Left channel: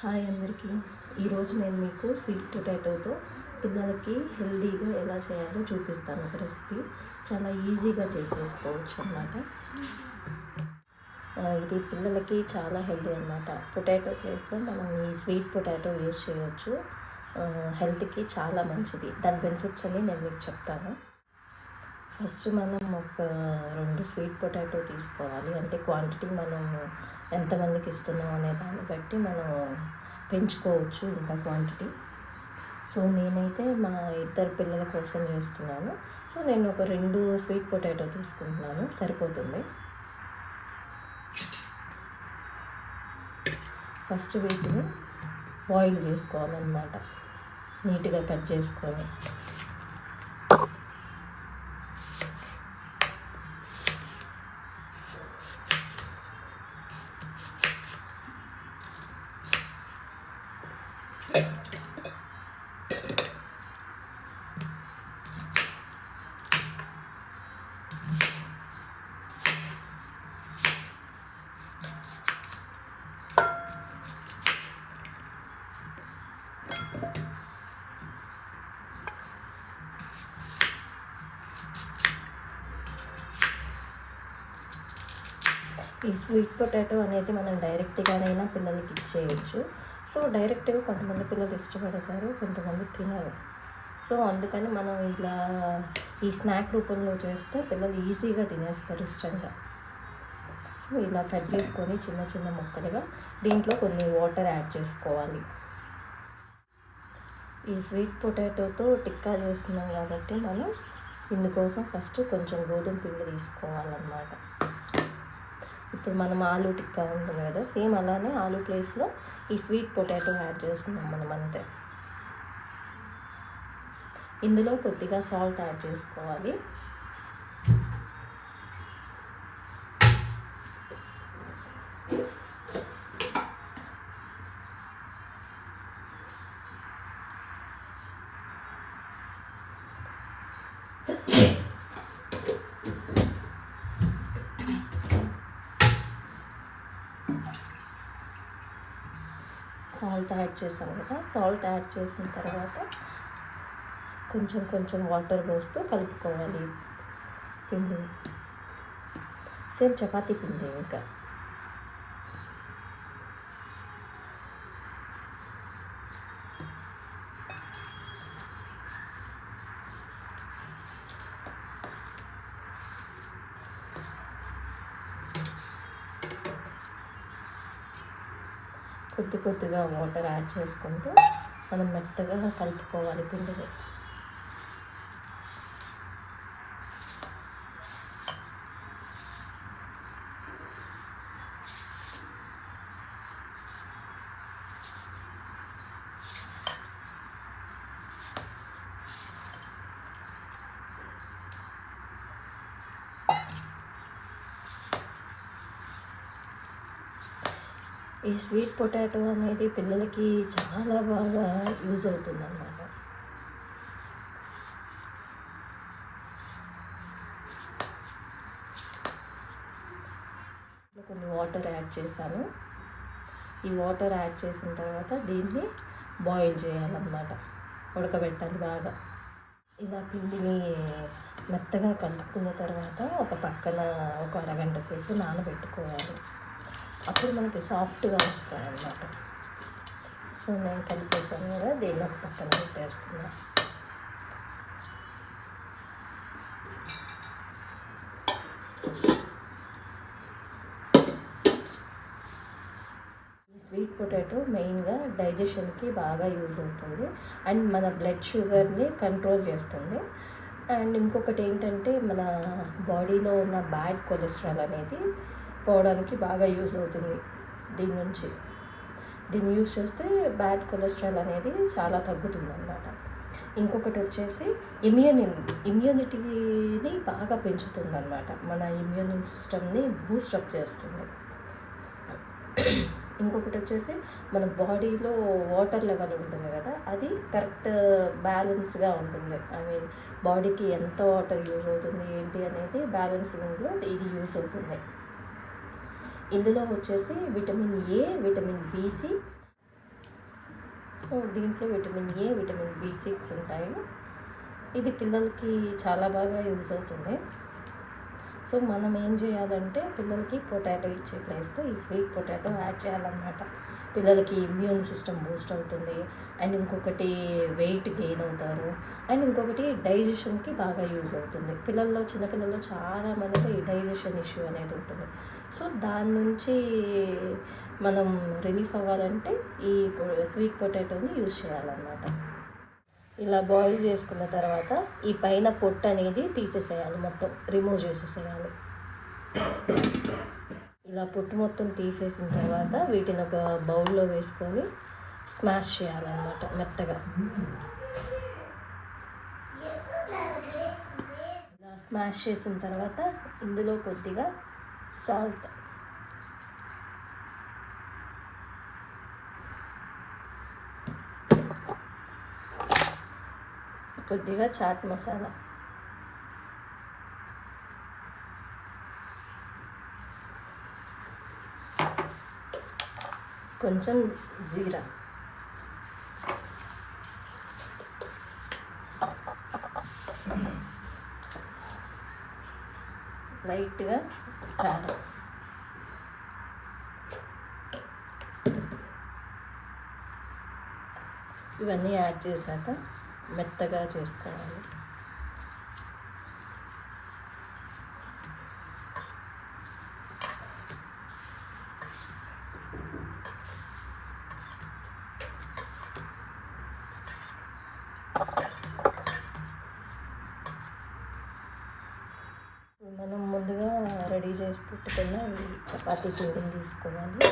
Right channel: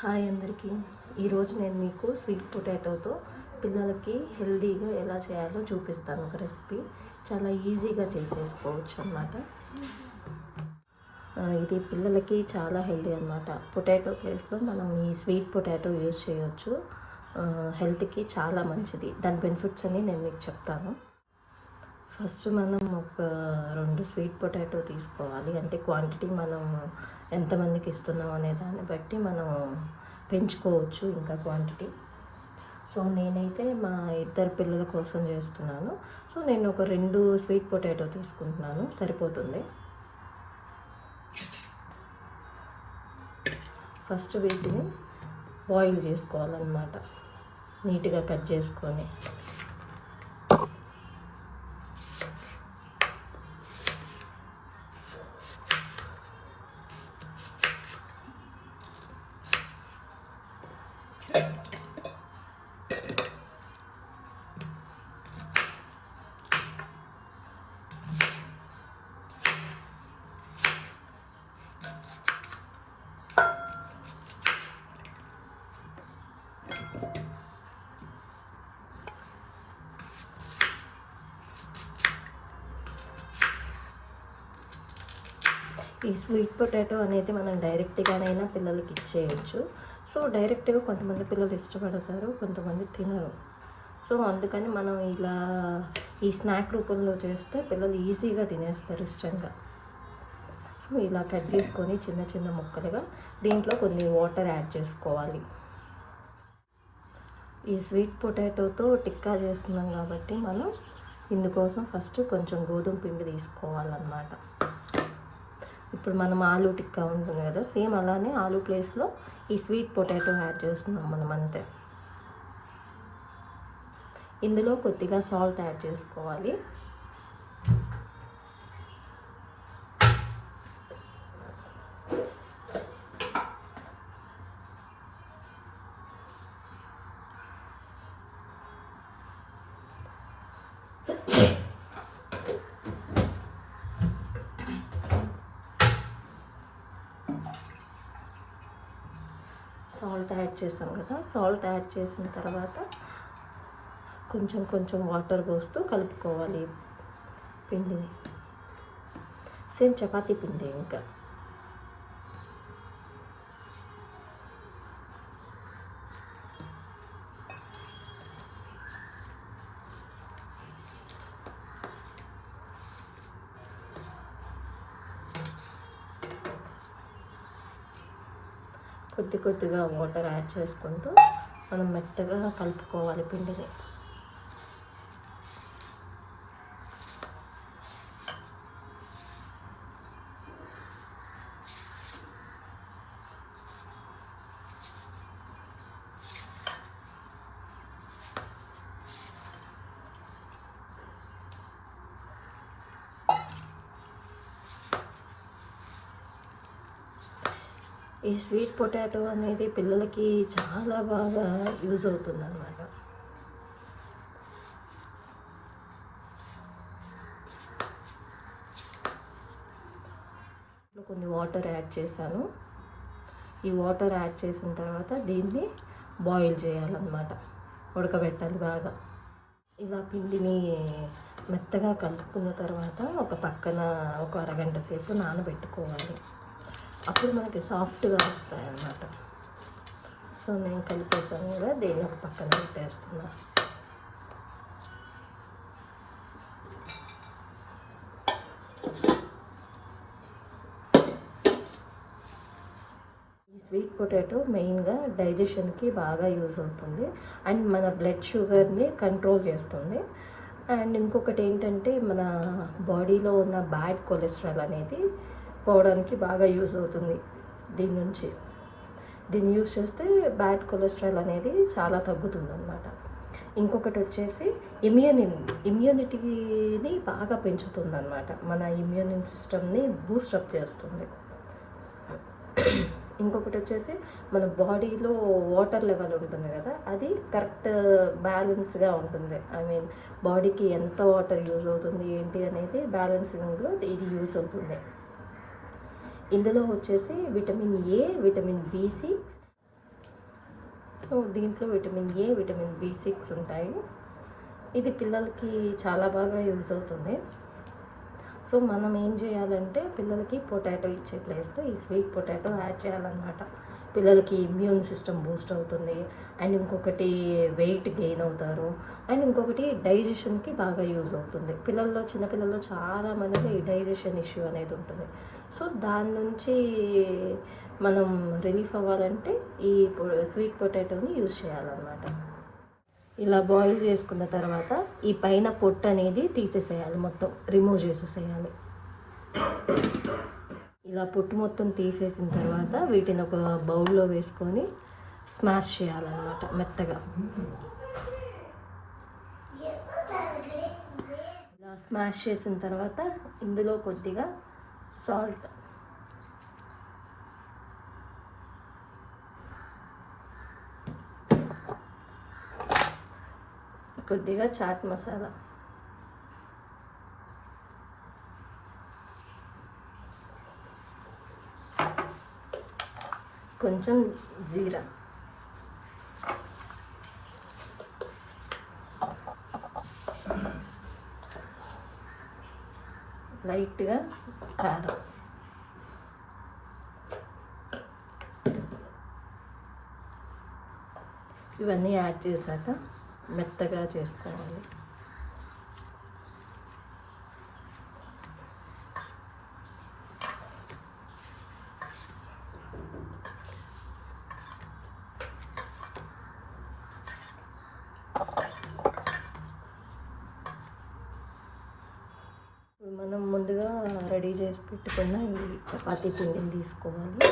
Hi అందరికీ. ఈరోజు నేను మీకు స్వీట్ పొటాటోతో పిల్లలకి హెల్తీగా ఎలా చేయాలో చూపిస్తాను. ఒక రెసిపీ చాలా ఈజీగా చేసేసుకోవచ్చు అన్నమాట. ఇది పిల్లలకి చాలా హెల్తీ అన్నమాట. పొటాటో ప్లేస్లో మనం ఈ స్వీట్ పొటాటో యూజ్ చేయవచ్చు. హెల్త్కి చాలా మంచిది. దాని బెనిఫిట్స్ అన్ని నేను మీకు చెప్తాను. ఫస్ట్ మనం ఒక 2 స్వీట్ పొటాటో తీసుకోవాలి. అంటే క్వాంటిటీ మనం ఎంతమందికి ఇస్తున్నాం అనే దాన్ని బట్టి మనం పెంచుకోవచ్చు ఇంకా క్వాంటిటీ. సో నేనైతే మా 2 పిల్లల కోసం చేస్తున్నాను. సో నేను ఒక 2 స్వీట్ పొటాటో తీసుకుంటున్నాను, సరిపోతుంది. ఫస్ట్ వీటిని బాయిల్ చేసుకోవాలన్నమాట, నీట్గా కట్ చేసుకొని. ఈ స్వీట్ పొటాటో అనేది మనం డైరెక్ట్గానైనా పిల్లలకి ఇచ్చేయచ్చు. సో డైరెక్ట్గా కొంతమంది పిల్లలు ఇష్టపడతారు, కొంతమంది తినరు. సో అందుకని మనం ఇలా ఈ స్నాక్ రూపంలో చేస్తే పిల్లలు ఈజీగా తినేస్తారు ఇష్టంగా. సో ఇలా కట్ చేసుకొని చిన్న చిన్న ముక్కలుగా దీంట్లో కొన్ని వాటర్ యాడ్ చేసుకోవాలి. ఈ స్వీట్ పొటాటోతో టిక్కా చేస్తున్నాం కాబట్టి మనం ఇందుకోసం ఫస్ట్ కొంచెం గోధుమ పిండి తీసుకోవాలన్నమాట. ఇప్పుడు మనం ఆలూ టిక్కా ఉంటుంది కదా, సేమ్ అలానే ఆలూ ప్లేస్లో ఈ స్వీట్ పొటాటో యాడ్ చేస్తున్నాం మనం అంతే. ఇందులో కొద్దిగా సాల్ట్ యాడ్ చేసుకోవాలి. సాల్ట్ యాడ్ చేసాం కదా, సాల్ట్ యాడ్ చేసిన తర్వాత కొంచెం కొంచెం వాటర్ పోస్తూ కలుపుకోవాలి పిండిని. సేమ్ చపాతీ పిండి. ఇంకా కొద్ది కొద్దిగా వాటర్ యాడ్ చేసుకుంటూ మనం మెత్తగా కలుపుకోవాలి పిండిని. ఈ స్వీట్ పొటాటో అనేది పిల్లలకి చాలా బాగా యూజ్ అవుతుంది అన్నమాట. కొన్ని వాటర్ యాడ్ చేశాను. ఈ వాటర్ యాడ్ చేసిన తర్వాత దీన్ని బాయిల్ చేయాలన్నమాట, ఉడకబెట్టాలి బాగా. ఇలా పిండిని మెత్తగా కలుపుకున్న తర్వాత ఒక పక్కన ఒక అరగంట సేపు నానబెట్టుకోవాలి. అప్పుడు మనకి సాఫ్ట్గా వస్తాయి అన్నమాట. సో నేను కలిపేసాను కూడా, దీన్ని ఒక పక్కన పెట్టేస్తున్నాను. ఈ స్వీట్ పొటాటో మెయిన్గా డైజెషన్కి బాగా యూజ్ అవుతుంది అండ్ మన బ్లడ్ షుగర్ని కంట్రోల్ చేస్తుంది. అండ్ ఇంకొకటి ఏంటంటే మన బాడీలో ఉన్న బ్యాడ్ కొలెస్ట్రాల్ అనేది పోవడానికి బాగా యూజ్ అవుతుంది. దీన్ని యూజ్ చేస్తే బ్యాడ్ కొలెస్ట్రాల్ అనేది చాలా తగ్గుతుంది అన్నమాట. ఇంకొకటి వచ్చేసి ఇమ్యూనిటీని బాగా పెంచుతుంది అన్నమాట. మన ఇమ్యూన్ సిస్టమ్ని బూస్టప్ చేస్తుంది. ఇంకొకటి వచ్చేసి మన బాడీలో వాటర్ లెవెల్ ఉంటుంది కదా, అది కరెక్ట్ బ్యాలెన్స్గా ఉంటుంది. ఐ మీన్ బాడీకి ఎంత వాటర్ యూజ్ అవుతుంది ఏంటి అనేది బ్యాలెన్సింగ్లో ఇది యూజ్ అవుతుంది. ఇందులో వచ్చేసి vitamin A, vitamin B6 so దీంట్లో విటమిన్ ఏ, విటమిన్ B6 ఉంటాయి. ఇది పిల్లలకి చాలా బాగా యూజ్ అవుతుంది. సో మనం ఏం చేయాలంటే పిల్లలకి పొటాటో ఇచ్చే ప్లేస్లో ఈ స్వీట్ పొటాటో యాడ్ చేయాలన్నమాట. పిల్లలకి ఇమ్యూన్ సిస్టమ్ బూస్ట్ అవుతుంది, అండ్ ఇంకొకటి వెయిట్ గెయిన్ అవుతారు, అండ్ ఇంకొకటి డైజెషన్కి బాగా యూజ్ అవుతుంది. చిన్నపిల్లల్లో చాలామందికి ఈ డైజెషన్ ఇష్యూ అనేది ఉంటుంది. సో దాని నుంచి మనం రిలీఫ్ అవ్వాలంటే ఈ స్వీట్ పొటాటోని యూజ్ చేయాలన్నమాట. ఇలా బాయిల్ చేసుకున్న తర్వాత ఈ పైన పొట్టు అనేది తీసేసేయాలి, మొత్తం రిమూవ్ చేసేసేయాలి. ఇలా పొట్టు మొత్తం తీసేసిన తర్వాత వీటిని ఒక బౌల్లో వేసుకొని స్మాష్ చేయాలన్నమాట మెత్తగా. ఇలా స్మాష్ చేసిన తర్వాత ఇందులో కొద్దిగా సాల్ట్, కొద్దిగా చాట్ మసాలా, కొంచెం జీరా, లైట్గా కారం, ఇవన్నీ యాడ్ చేశాక మెత్తగా చేసుకోవాలి. మనం ముందుగా రెడీ చేసి పెట్టుకున్న ఈ చపాతీ పిండిని తీసుకోవాలి.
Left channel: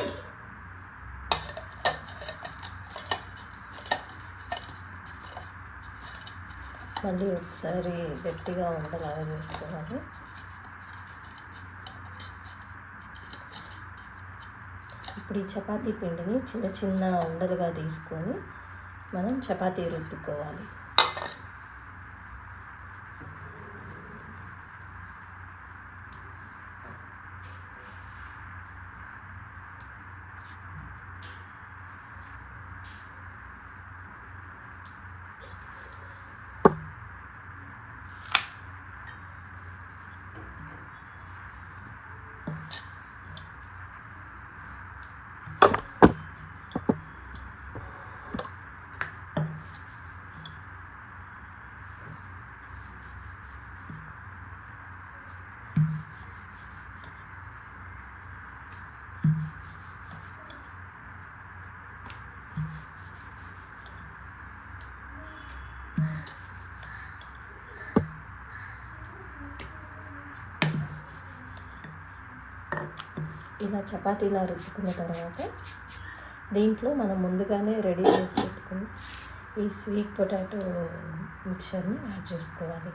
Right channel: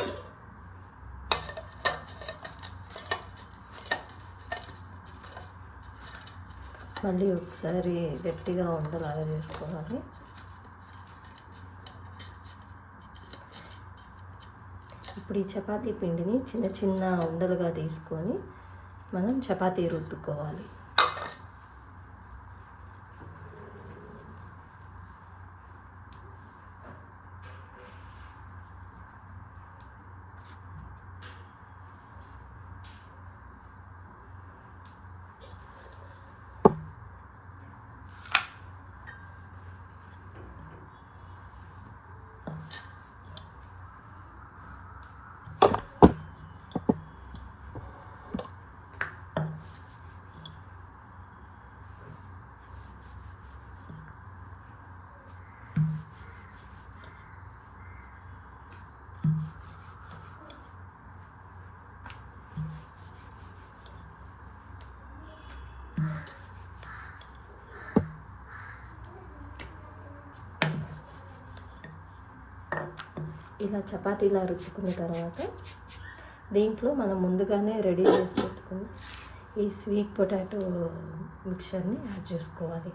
మళ్ళీ ఒకసారి గట్టిగా ఉండలాగా వేసుకోవాలి. ఇప్పుడు ఈ చపాతీ పిండిని చిన్న చిన్న ఉండలుగా తీసుకొని మనం చపాతీ రుద్దుకోవాలి. ఇలా చపాతీలా రుద్దుకున్న తర్వాత దీంట్లో మనం ముందుగానే రెడీ చేసి పెట్టుకుని ఈ స్వీట్ పొటాటో మిక్చర్ని యాడ్ చేసుకోవాలి.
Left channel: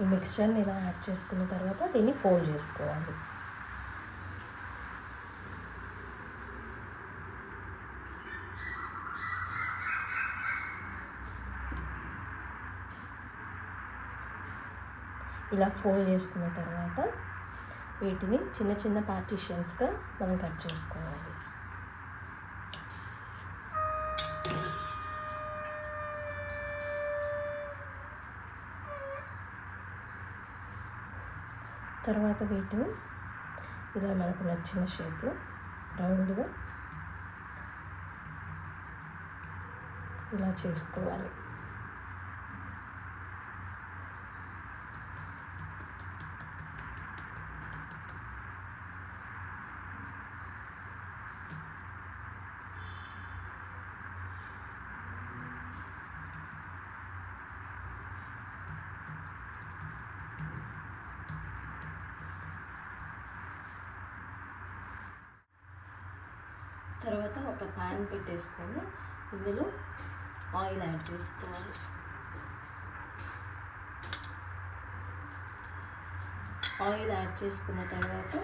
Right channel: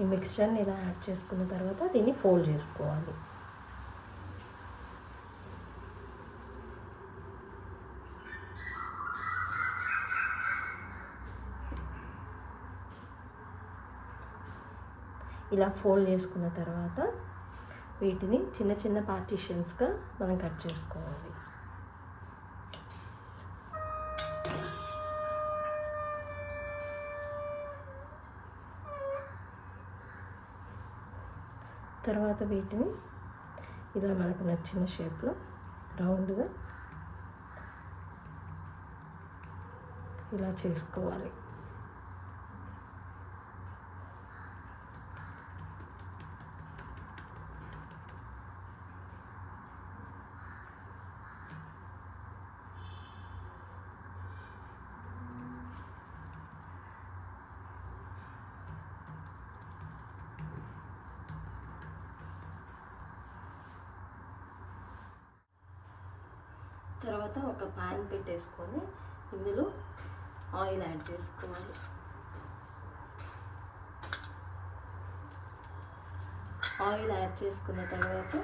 ఈ మిక్స్చర్ని ఇలా యాడ్ చేసుకున్న తర్వాత దీన్ని ఫోల్డ్ చేసుకోవాలి. ఇలా ఫోల్డ్ చేసుకున్న తర్వాత వీటిని చిన్న చిన్న పార్టీషన్స్గా మనం కట్ చేసుకోవాలి. తర్వాత వీటిని ఇలా మనకు నచ్చిన షేప్లో రౌండ్గా ఇలా చేసుకోవాలి. తర్వాత ఒక ప్యాన్ పెట్టేసుకొని ఇందులో ఆయిల్ యాడ్ చేసుకోవాలి. ఆయిల్ యాడ్ చేసుకున్న తర్వాత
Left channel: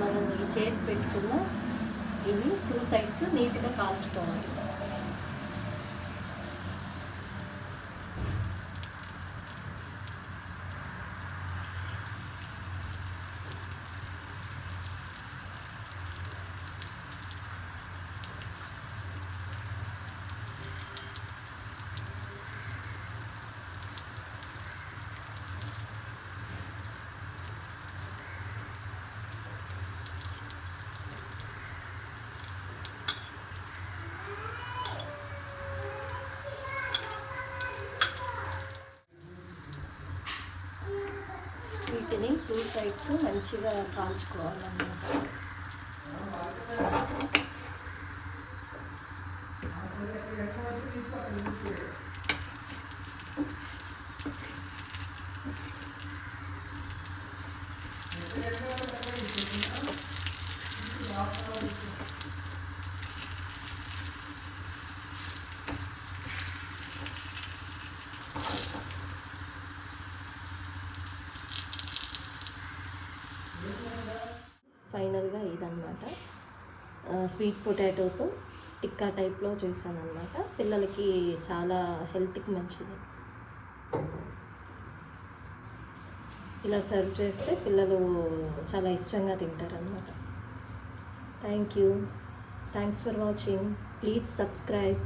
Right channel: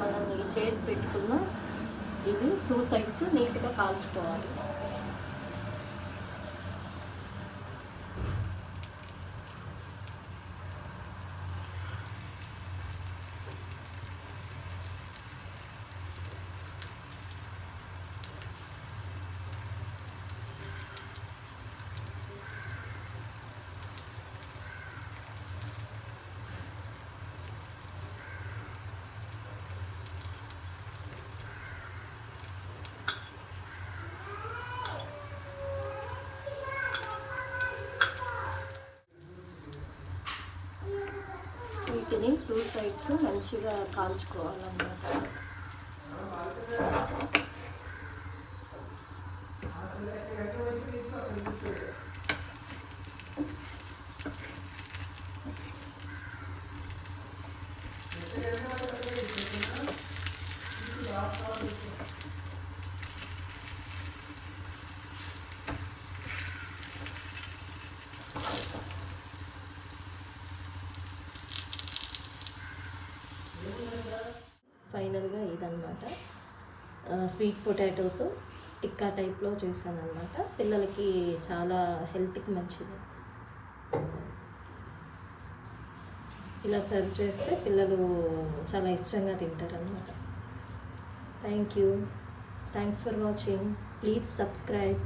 మనం చేసి పెట్టుకున్న ఇవి 2 సైడ్స్ నీట్గా కాల్చుకోవాలి. మంచిగా కాల్చుకోవాలన్నమాట. ఫైనల్గా ఇదన్నమాట స్వీట్ పొటాటోతో టిక్కా టైప్లో చేశాను అనమాట. పిల్లలకి చాలా హెల్త్కి మంచిది. ఇలా సర్వ్ చేస్తే పిల్లలు చాలా ఇష్టంగా తింటారనమాట. Thanks for watching. Please subscribe.